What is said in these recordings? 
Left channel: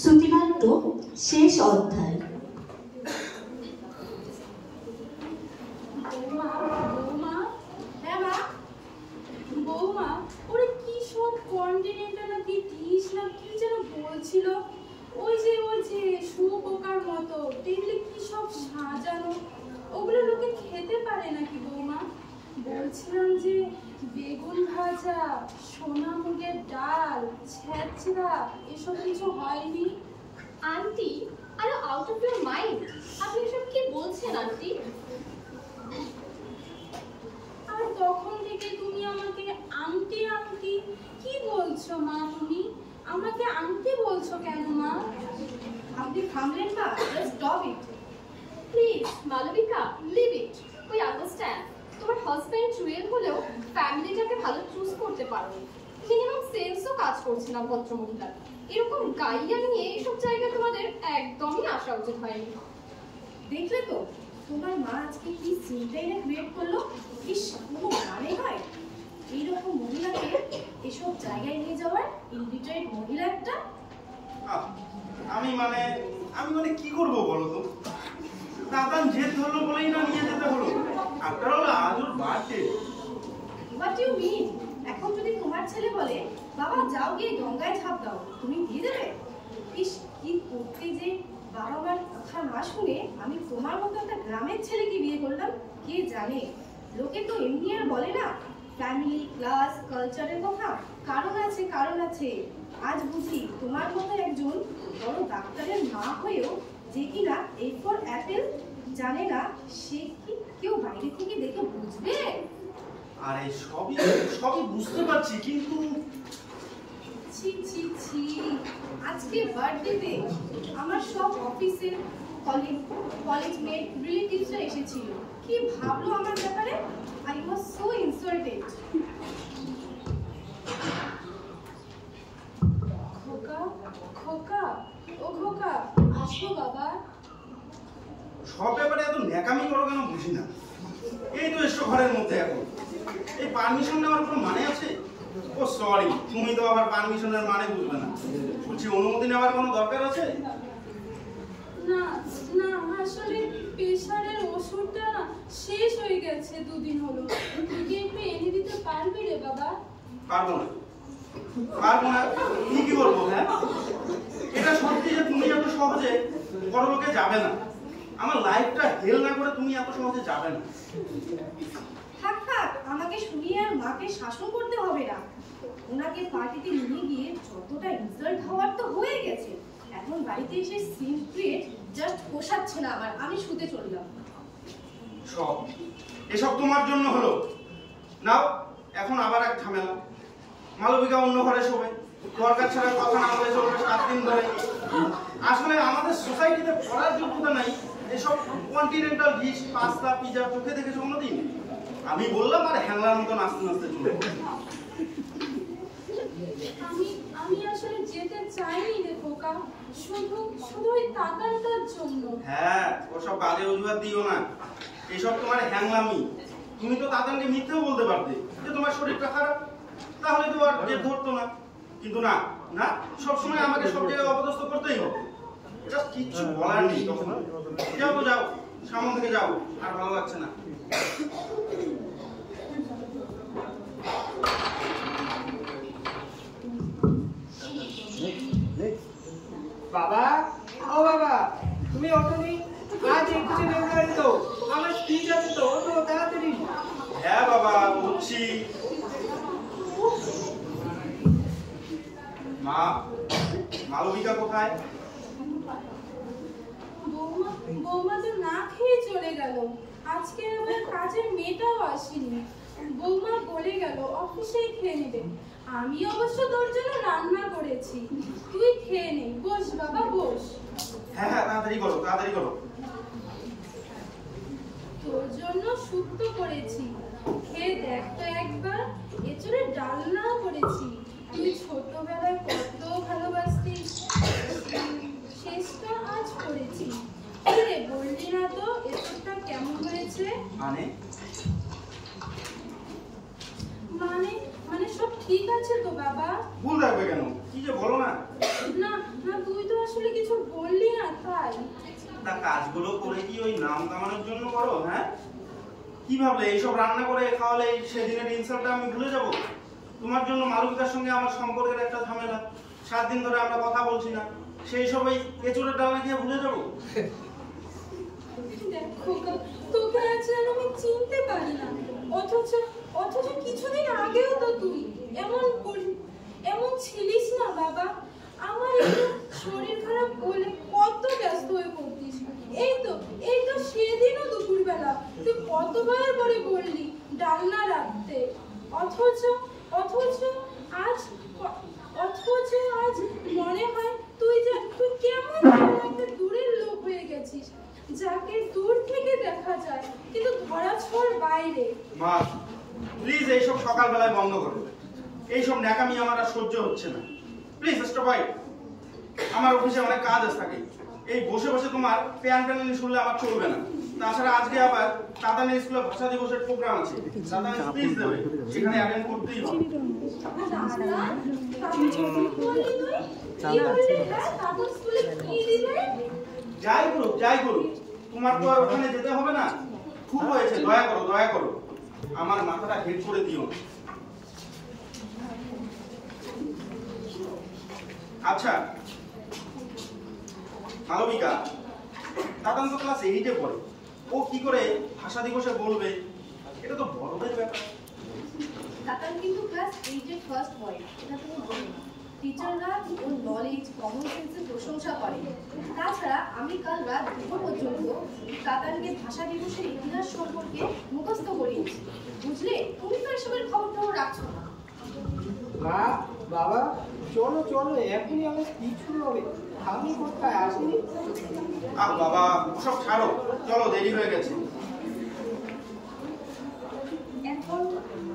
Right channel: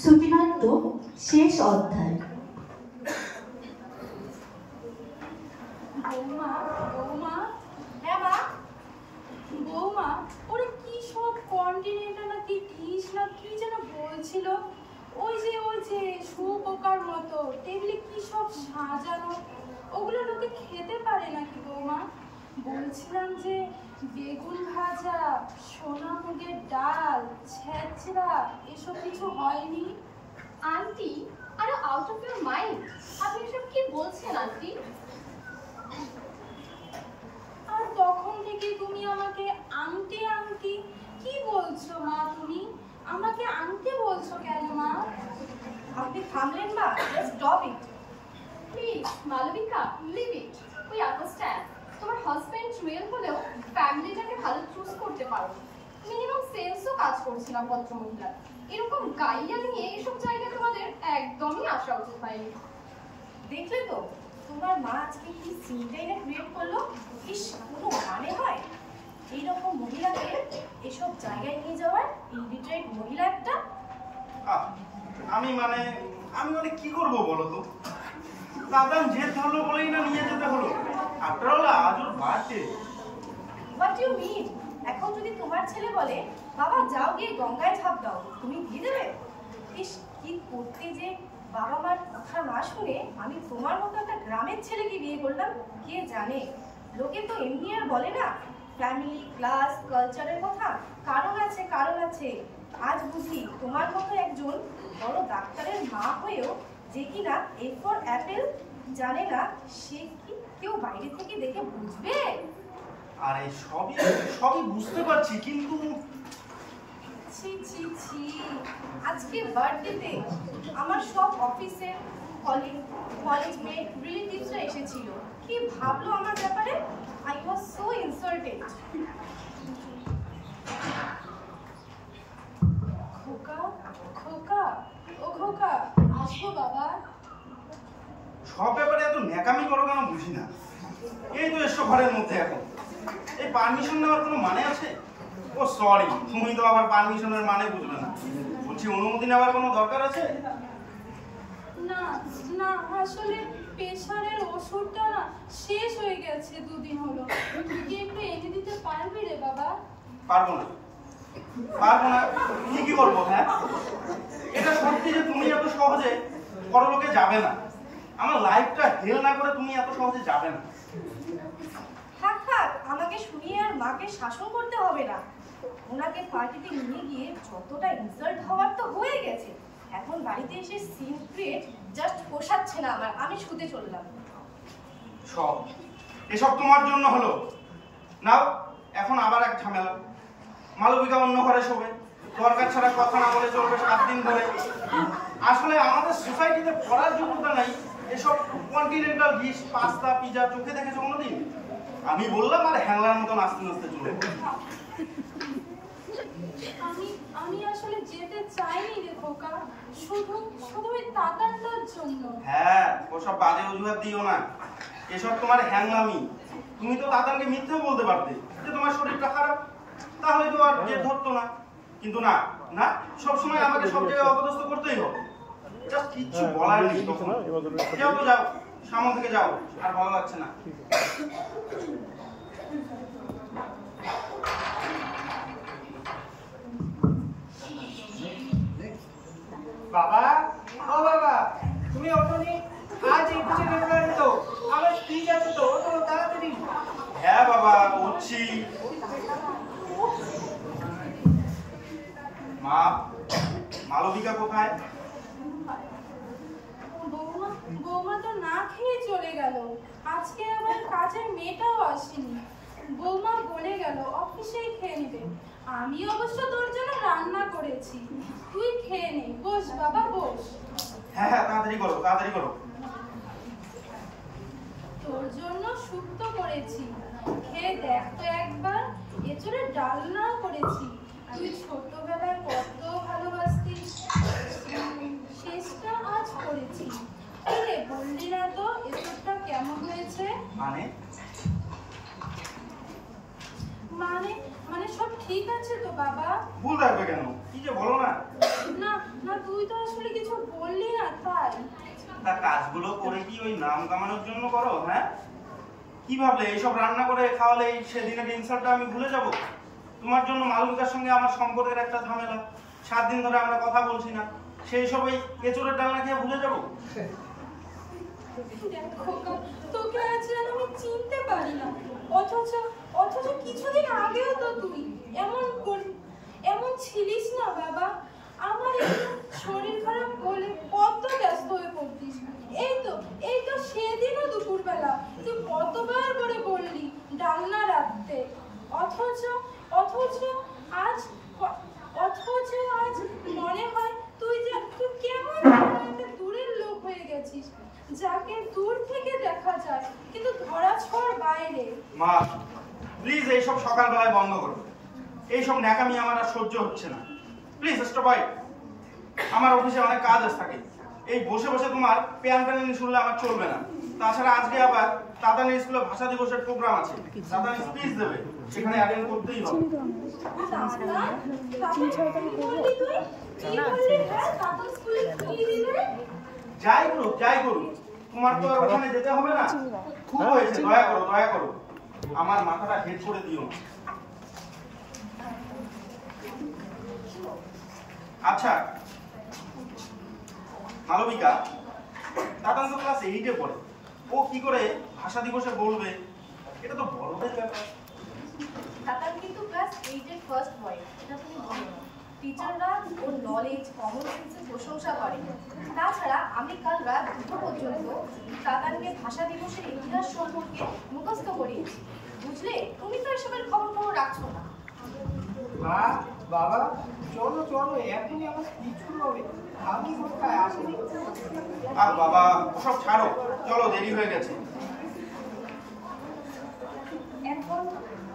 শ্রুতিনাট্য শেষ অধ্যায়। বৌমা বৌমা, হ্যাঁ মা বৌমা, ওরে কি সব কন্টিনেন্টাল না কি ডিশ না কি যেন বলছিল, ওই যে শুয়োপোকার মতো টেবিলে কি সব সাজানো, ওগুলো লোকে খেতে পারে নাকি বৌমা? বলছিলাম যে বেগুন ভাজা, সোনা মুগের ডাল, ছেঁচড়া এসব কিছু হয়নি? আন্টি, আরে আউট অফ ইউর মাইন্ড, আপনি এসব কি বলছেন আন্টি? আর তখন থেকে তুমি আমাকে আন্টি আন্টি কি বলছো মা? তুমি আমাকে আন্টি বলছো কেন মা? আপনি থামলেন মা? Just stop it please. Malavika, leave it. We understand তোমার হাজবেন্ড রিয়েল হলেও ফ্যামিলিটাকে ভালো চুজ করতে পারো। মিনিমাম সেন্সও কাজ করছে না ভদ্রমহিলার। এরকম গাইয়া নিয়ে এইসব জায়গায় তোমাদের একদমই আসা উচিত হয়নি। দেখলে তো তোমার মা আজকে কি সিনটাইনে ক্রিয়েট করলো। ইস, কোনো মানে হয় এইরকম মহিলাকে এসব জায়গায় নিয়ে যাওয়ার? ইলিটারেট মহিলা একটা। আমি মানে কি করব বলো তো? দাদান জেদ ধরলো বলেই না নিয়ে যেতে হলো। আফটার অল আজ ওর বার্থডে। What you mean? এখন যদি তোমার ছেলে বলে বাবা যাও গিয়ে গঙ্গায় ঝাঁপ দাও, তুমি দিয়ে দেবে? ইস, কি করতে যে বাবা মার কথা না শুনে আমি তোমার মতো একটা গ্রামের ছেলেকে বিয়ে করলাম। কে জানে, লোকে তো এমনি আর বলে না ফ্যামিলি ক্লাস কালচারের কথা। কারণ আছে, কারণ আছে। আজ বুঝি তোমার মতো একজন বড় ডাক্তারের মা হয়েও যে কিনা এ ফর অ্যাপেল জানে না, সে কি কেউ বাইরে থেকে দেখে বুঝবে? আরে সবই বুঝতে পারছি, কিন্তু ছি ছি ছি, আজকে বার্থডেতে আমার সব অফিসের কলেজ মেট রিলেটিভসরা এসেছিল। কি ভাবলো আমার ব্যাপারে? I was so insulted. খোকা খোকা, ও খোকা, আসো বাবা। সব ব্যাপারে এত ন্যাকামি করো কেন বুঝি না। এই তো এসো ঘরের মধ্যে, এখন এই পারমিশন নেওয়ার কোনো মানে আছে? ও সরি, তুমি তো আবার পারমিশনের মানে বুঝবে না। বলছি অনুমতি নেওয়ার কোনো দরকার আছে? না না, আসলে প্রেশারের ওষুধটা না শেষ হয়ে গেছে, 2 দিন হলো। তুই একটু এনে দিতে পারবি রে বাবা? পারবো না। কি বলবো? হ্যাঁ, এটা সত্যি যে তুমি এত সহজে পরলোকে যাবে না। আমার লাইফটা হেল না করে তুমি এত সহজে যাবে না। থাক থাক, আমাকে শুনিয়ে আর মাকে শাসন করতে হবে না। ওনাকে পার্টিতে নিয়ে গিয়ে যতটা ইনসাল্ট হওয়ার তো হয়ে গেছে, এখন বাড়িতে এসে সিন ক্রিয়েট জাস্ট পোষাচ্ছে না আমার। আমি শুতে চললাম। এসব তোমার জন্য হলো। নাও, এখন আবার এক ঝামেলা। মালবিকা অন্য ঘরে শোবে, দরকার ছাড়া কথা না বলে চলবে 7 দিন ধরে। আসলে আমাদের সোসাইটিতে পড়ার যোগ্যতা নাই এসব কন্টিনেন্টাল ডিশ, পাস্তা, পিজা চোখে দেখেছো কোনোদিন? আমি বললাম আর হ্যাংলার মতো নাচতে নাচতে চলে। আমি আসলে যেতে চাইনি রে খোকা, শুধু ওই তাতানটার জন্য। হ্যাঁ, ওসব বাজে অজুহাত দিও না। এসব তোমার হ্যাংলামি। তুমি তো তাতানকে মিথ্যেও বলতে পারতে যে তোমার শরীরটা খারাপ, তাহলে তো আর জেদ ধরতো না। কিন্তু না না, সবসময় আমাকে সব জায়গায় অপদস্থ করতেই হবে। এটা কিচ্ছু বলার নেই। তখন যাও তো যাও, সামনে থেকে যাও, আর ভালো লাগছে না। বাবা, ও বাবা, তুমি ওঠোনি? আজ 21শে ফেব্রুয়ারি তো, আমার স্পিচ আছে তো, ওঠো তাড়াতাড়ি। হ্যাঁ বাবা, উঠছি। মা, মালবিকা কোথায়? বৌমা তো না খেয়ে চলে গেল। আজকে আবার কাজের মেয়েটাও আসেনি। বৌমা বলে গেল অফিসেই খেয়ে নেবে। আমি অবশ্য তোর জন্য রান্না করেছি, তুই খেয়ে নে। বস বাবা বস। হ্যাঁ হ্যাঁ, তাড়াতাড়ি করো তাড়াতাড়ি করো। তোর জন্য শুক্তো করেছি, খেয়ে দেখ তো একবার। এঁচড়ের ডালনাও করেছি, তুই ছোটবেলায় কত ভালোবাসতিস, শেষটা আজ করেছি। রে বললি না তো এঁচড়টা কেমন হয়েছে? মানে মানে মানে সব ঠিক আছে তো বাবা? ভুল রাখবে কেন? কি যে বলো না। না না, তুই তো আসলে কিছু বললি না তাই। তা কাজগুলো করে কি ওই নাম কামানোর জন্য করো? হ্যাঁ, কি ভাবলে এইসব রান্না করে খাওয়ালে সেদিনের ইনসাল্টটা আমি ভুলে যাব? তোমার জন্য মালবিকার সঙ্গে আমার সম্পর্কের একটা ঝামেলা, 7 দিন ধরে আমরা কথা বলছি না, সেই সব ওই এঁচড়ের ডালনা খেয়ে ভুলে যাব? দেখ খোকা, তোকে আজ যেন আমি চিনতে পারি না, অথচ অথচ কিছুদিন আগেও তো তুই এমন ছিলিস না বাবা। আমার একটু শরীর খারাপ বলে কত ব্যস্ত হয়ে পড়তিস। এই তো সেদিনও দুপুরবেলা তুই কতবার করে বললি ডালনা রাখতে, অথচ আজ মনে হয় তুই কেমন একটা দূরের লোক হয়ে গেছিস, যাকে দূর থেকে দেখা যায় কিন্তু ধরাছোঁয়ার বাইরে। মা প্লিজ এইসব সকালবেলায় বন্ধ করো। এইসব ন্যাকামি আমার আর সহ্য হচ্ছে না। Please stop it. আমার অফিসে অনেক কাজ আছে থাকে, এই বসে বসে তোমার প্যান প্যানানি শুনলে আমার চলবে না। তাছাড়া আজকে আবার তাতানি স্কুলে ভাষা দিবসের প্রোগ্রাম আছে, তাতানি স্পিচ দেবে, সেখানে অ্যাটেন্ড করতেই হবে। যাই করুক তোমার তো আর ওখানে যেতে হবে না। খুব হয়েছে, দয়া করো আমার মাথাটা হেড করে দিও। আচ্ছা মালবিকা, তাতান তো ক্লাস 8-এ পড়ে, ও কি করে ভাষা দিবসে বলবে? এটা তো বড়দের ব্যাপার। তাতান কিন্তু ক্লাস 8-এর ফার্স্ট বয়, এটা তুমি বলো না। টিচাররা ওর নলেজ, কমন সেন্সের প্রশংসা করে। তাছাড়া আমি কাল রাত 2টো পর্যন্ত তাতানকে ভাষা দিবসের ইতিহাস সম্পর্কে মুখস্থ করিয়েছি। বুঝলে, তুমি তো এসবের খবর রাখছো না। মা বাবা চলো চলো, এখনই আমার স্পিচ শুরু হবে। আমি কোথায় আসেনি? বাবা ওসব ছাড়ো, চলো দেরি হয়ে গেছে। এখন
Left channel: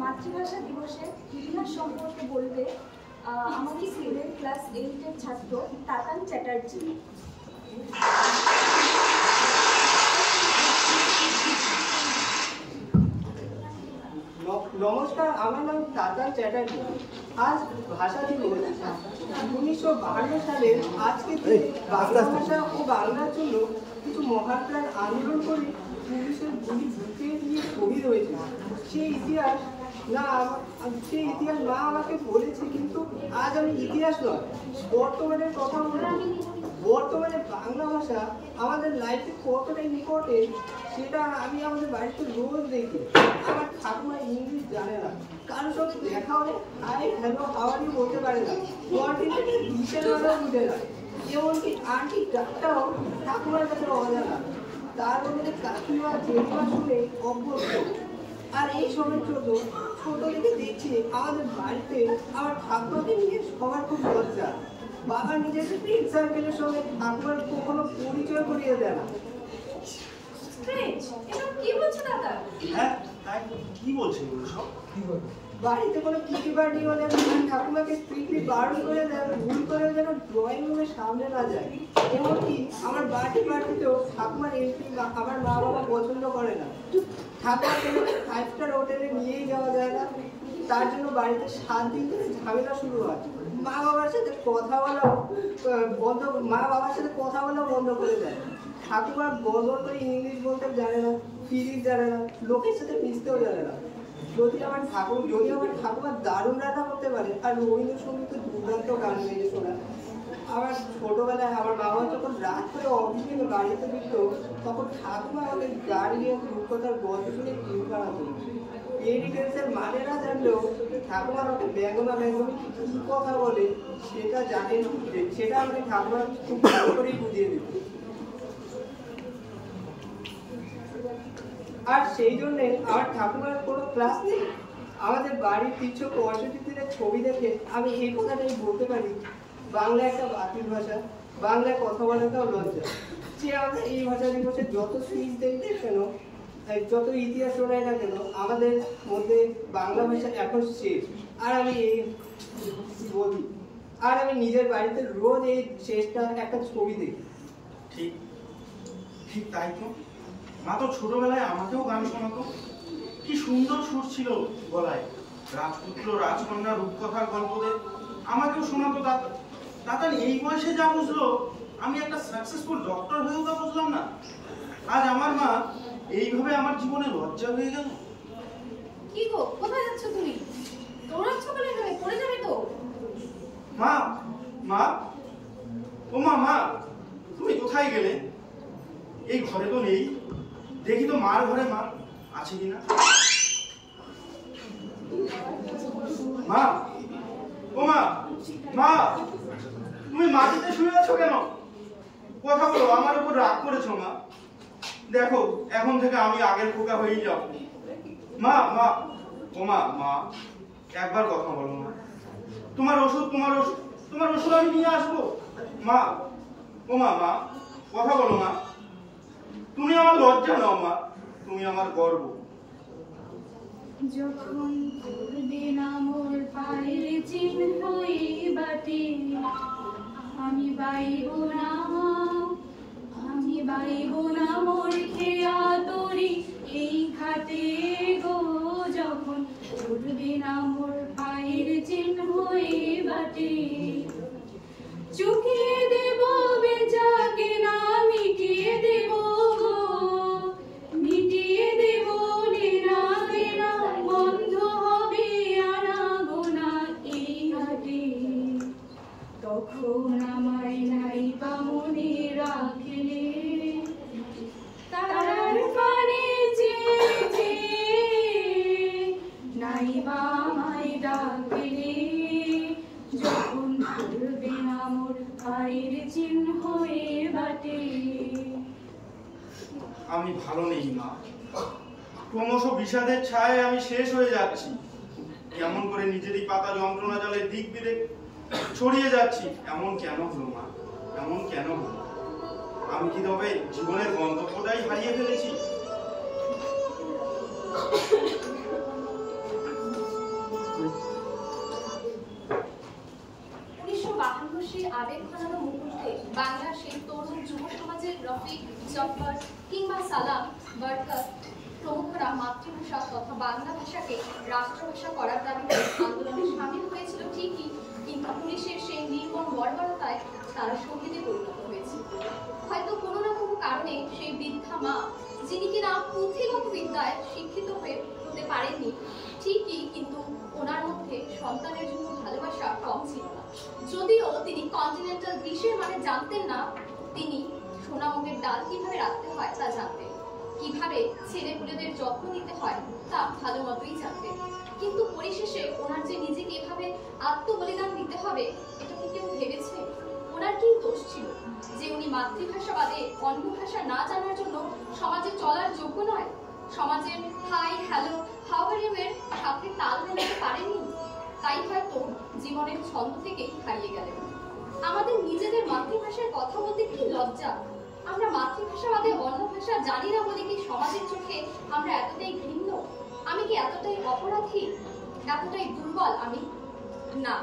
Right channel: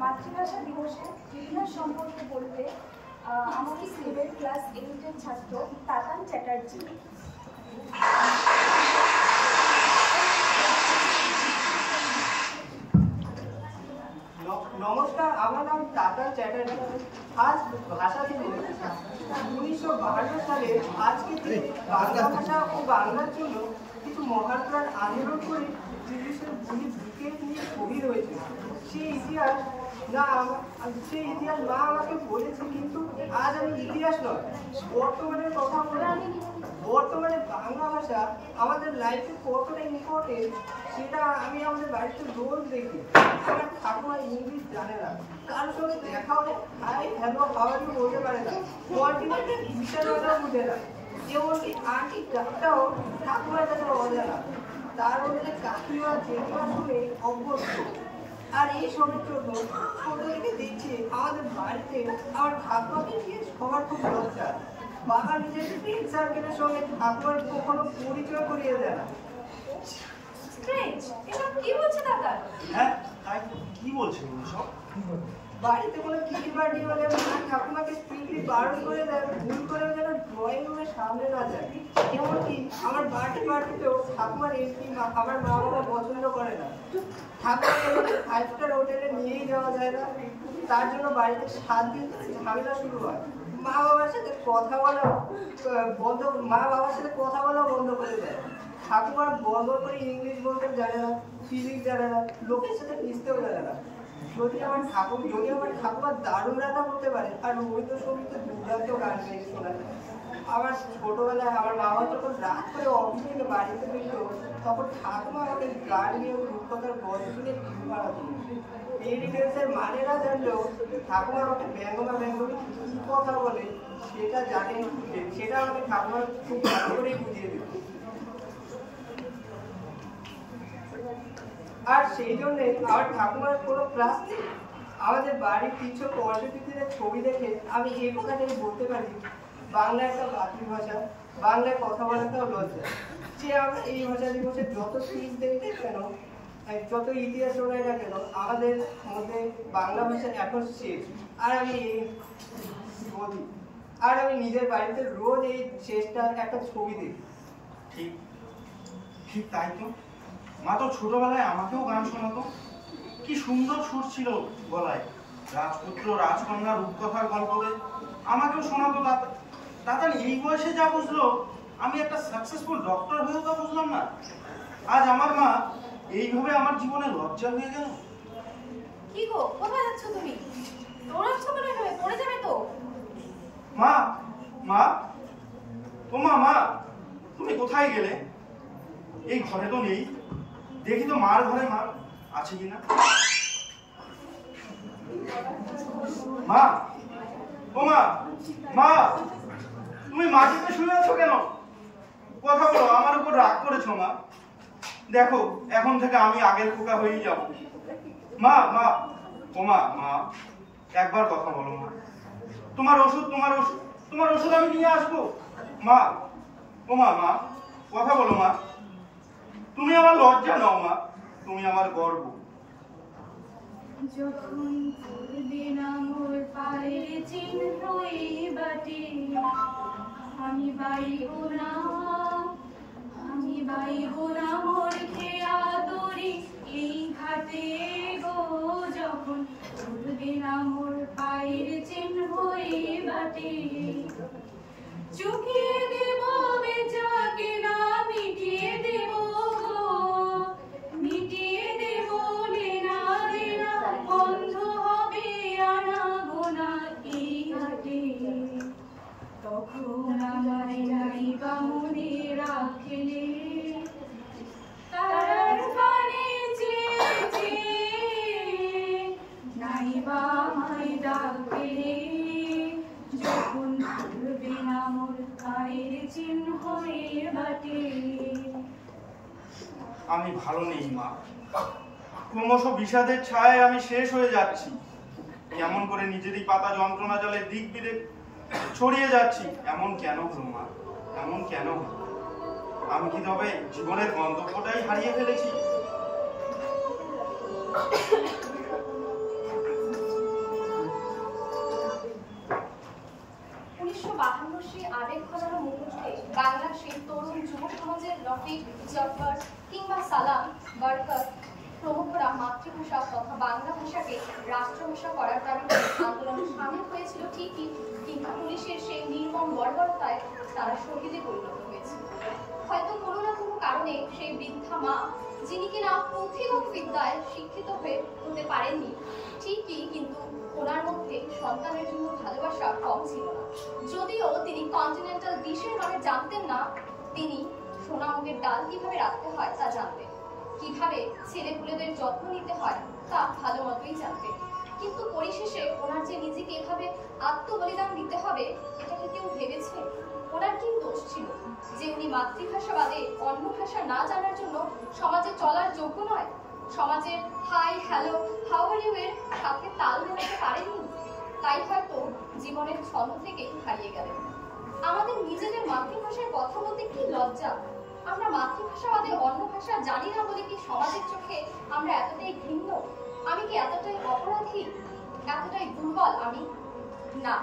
মাতৃভাষা দিবসের ইতিহাস সম্পর্কে বলবে আমাদের স্কুলের ক্লাস 8-এর ছাত্র তাতান চ্যাটার্জি। নমস্কার, আমার নাম তাতান চ্যাটার্জি। আজ ভাষা দিবস। 1952 সালের আজকে বাংলা ভাষা ও বাংলার জন্য কিছু মহান প্রাণ আন্দোলন করে পুলিশের গুলি বুকে নিয়ে শহীদ হয়েছিল। সেই ইতিহাস মা আমাকে বলেছে, কিন্তু আজ আমি ইতিহাস নয় বর্তমানের কথা বলবো। বর্তমানে বাংলা ভাষা আমাদের লাইফে কতটা ইম্পর্টেন্ট সেটা আমি আমাদের বাড়িতে রোজ দেখি। আমার ঠাকুমা ইংলিশ জানে না, কারোর সঙ্গে দেখা হলে hi hello how are you বলতে পারে না, কন্টিনেন্টের বিশালটাও বুঝে না, এমনকি আন্টি ডাকটাও ঠাকুমার কাছে অজানা। তার মধ্যে কাকিমা জেঠিমা শুনে অভ্যস্ত। আর এই সবের জন্য ছোট থেকে দেখছি আমাদের বাড়িতে আমার ঠাকুমাকে নিয়ে সবার খুব লজ্জা। বাবা নিজের ফ্রেন্ড সার্কেলের সঙ্গে ঠাকুমার কখনো পরিচয় করিয়ে দেয় না। স্ট্রেঞ্জ, এসব কি বলছে দাদা? হ্যাঁ তাই কি বলছে সব? বাড়িতে কোনো কিটি পার্টি হলে মা ঠাকুমাকে স্ট্রিক্টলি বারণ করে দেয় ভুল করেও যেন ড্রয়িং রুমের সামনে না যায়। এমনকি আমার বার্থডে পার্টিতেও ঠাকুমার এন্ট্রি আমার মা বাবা পছন্দ করে না। ঠাকুমাকে 5 স্টার হোটেলে নিয়েই যাওয়া যায় না, তার জন্য বাড়িতে 7 দিন ধরে ঝামেলা শুরু হয়। মা বাবার সাথে কথা বলাও বন্ধ করে দেয়। ঠাকুমার বড় করে ইংলিশ বলতে জানে না, ফিজিক্স জানে না, লোকের সাথে মিশতেও জানে না। যদি আমার ঠাকুমা দারুণ রান্না করতে পারে আর রবীন্দ্রসঙ্গীত দুর্দান্ত গান গেয়ে শোনায়। আমার ছোটবেলায় আমার বাবা যখন রাত করে অফিস থেকে বাড়িতে ফিরতো, তখন ঠাকুমা আমাকে গান গিয়ে রূপকথার গল্প শুনে ঘুম পাড়াতো। পেরি টেন্সের মানে না জানলেও ঠাকুমা আমাকে ব্যঙ্গমি কি কথা বলে সেটা আমাকে ঠাকুমা খুব ভালো করেই বুঝিয়ে দিত। আর সেই জন্যে আমার ঠাকুমার কোনো ক্লাস নেই। আমাদের বাড়ির 365 দিনের ছবি দেখে আমি এই কথাটাই বলতে পারি, বাংলা একটা মাতৃভাষা, বাংলায় কথা বলাটাও লজ্জা। যে আমরা এই ভাষা দিবসে যত স্পিচ দেই কেন, যত ইতিহাস শোনাই না কেন, আমাদের মধ্যে বাংলা ভাষা এখন শেষ। আর আমি এই বলি, আর আমি নিজের বাড়িতে রোজ এই শেষটা একটা ছবি দেখি। ঠিক ঠিক তাই তো। মা তো ছোটবেলায় আমাকেও গান শোনাতো, কি সুন্দর সুর ছিল গলায়। রাজপুত্র রাজকন্যা রূপকথার গল্পকে আমাকেও শোনাতো। দাদা এই বয়সে যা বুঝলো, আমি একটা সাকসেসফুল ডক্টর হয়েও তা বুঝলাম না। আজ আমার মা এইভাবে আমার জীবনে লজ্জা হয়ে গেল। কি গো, কোথায় যাচ্ছ তুমি? দৌড়াচ্ছ বলে এখানে পড়ে যাবে তো। মা, মা, ও মা, মা তুমি কোথায় গেলে? এই ঘরে তো নেই, দেখি তো মার ঘরে মা আছে কিনা। মা, ও মা, মা তুমি মাটিতে শুয়ে আছো কেন? কথা বলো, আমার উপর রাগ করেছো মা? দেখো এখন থেকে আমি আগের পোকা হয়েই যাব। মা, মা, ও মা, মা একবার কথা বলো মা। তোমার ওষুধ আমি নিয়ে আসবো। মা, ও মা, মা কথা বলো মা। তুমি আমার লজ্জা নাও মা, তুমি আমার গর্ব। যখন দিন আমার পায়ের চিহ্ন এই বাটে, আমি বাইব না মোর খেয়া তরি এই ঘাটে গো। যখন দিন আমার পায়ের চিহ্ন এই বাটে, চুকিয়ে দেব বেচাকে না মিটিয়ে দেব গো, মিটিয়ে দেব লেনা দেনা, বন্ধ হবে আনাগোনা এই হাটে। তখন আমায় নাইবা মনে রাখলে, তারার পানে চেয়ে নাইবা আমায় ডাকলে। যখন পড়বে না মোর পায়ের চিহ্ন এ বাটে। আমি ভালো নেই মা, ক্রমশ বিষাদের ছায় আমি শেষ হয়ে যাচ্ছি। কেমন করে নিজেরই পাতা যন্ত্রণা জালে দিক বিদিক ছড়িয়ে যাচ্ছি। এমন কেন হলো মা, এমন কেন হলো? আমি কি তবে জীবনের গন্তব্যটাই হারিয়ে ফেলেছি? 1952 সেই আবেগ ঘনানো মুহূর্তে বাংলার সেই তরুণ যুব সমাজের রফিক, জব্বার কিংবা সালাম, বরকত প্রমুখরা মাতৃভাষা তথা বাংলা ভাষাকে রাষ্ট্রভাষা করার দাবিতে আন্দোলনে সামিল হয়েছিল ঠিকই, কিন্তু পুলিশের সেই নির্মম বর্বরতায় তারা শহীদে পরিণত হয়েছে। হয়তো কোনো না কোনো কারণে সেই বৃদ্ধা মা, যিনি কিনা পুঁথিগত বিদ্যায় শিক্ষিত হতে পারেননি ঠিকই, কিন্তু ওনার মধ্যে সন্তানের জন্য ভালোবাসা কম ছিল না। যদিও তিনি কন্টিনেন্টাল ডিশের মানে জানতেন না, তিনি সোনামুগের ডাল কিভাবে রাখতে হয় তা জানতেন, কিভাবে ছেলেপুলেদের যত্ন নিতে হয় তা ভালো মতোই জানতেন। কিন্তু পরিশেষে ওনার যে নিজেকে এভাবে আত্মবলিদান দিতে হবে, এটা কি কেউ ভেবেছে? ওনার কি দোষ ছিল যে উনি মাতৃভাষা বাদে অন্য ভাষা না জানার জন্য সমাজে চলার যোগ্য নয়? সমাজের hi, hello, how are you এর সাথে তাল মেলাতে পারেননি, তাই হয়তো জীবনের ছন্দ থেকে হারিয়ে গেলেন। আমাদের নিজেদের মাতৃভাষায় কথা বলতে কি লজ্জা! আমরা মাতৃভাষা বাদে অন্য ভাষা জানি না বলে কি সমাজের চোখে আমরা এতটাই ঘৃণ্য? আমি কি এতটাই অপরাধী, এতটাই দুর্বল আমি? না,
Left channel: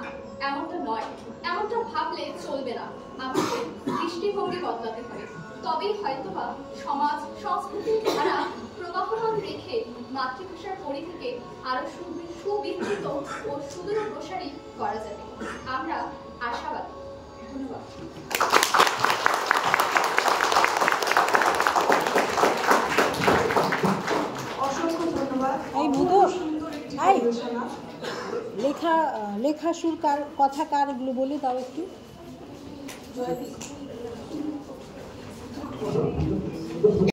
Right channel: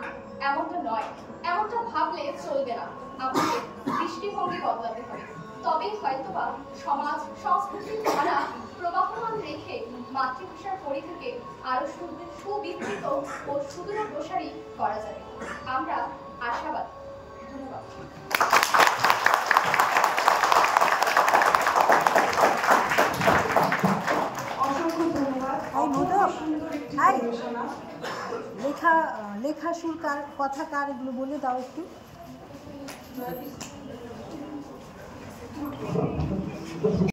এমনটা নয়। এমনটা ভাবলে চলবে না। আমাদের দৃষ্টিভঙ্গি বদলাতে হবে, তবেই হয়তোবা সমাজ সংস্কৃতির ধারা প্রবাহমান রেখে মাতৃভাষার পরিধিকে আরো সুবিস্তৃত ও সুদূর প্রসারী করা যাবে। আমরা আশাবাদী। ধন্যবাদ। এই মোদক, এই লেখা সুর কার, কথা কার, এগুলো বলে দাও একটু।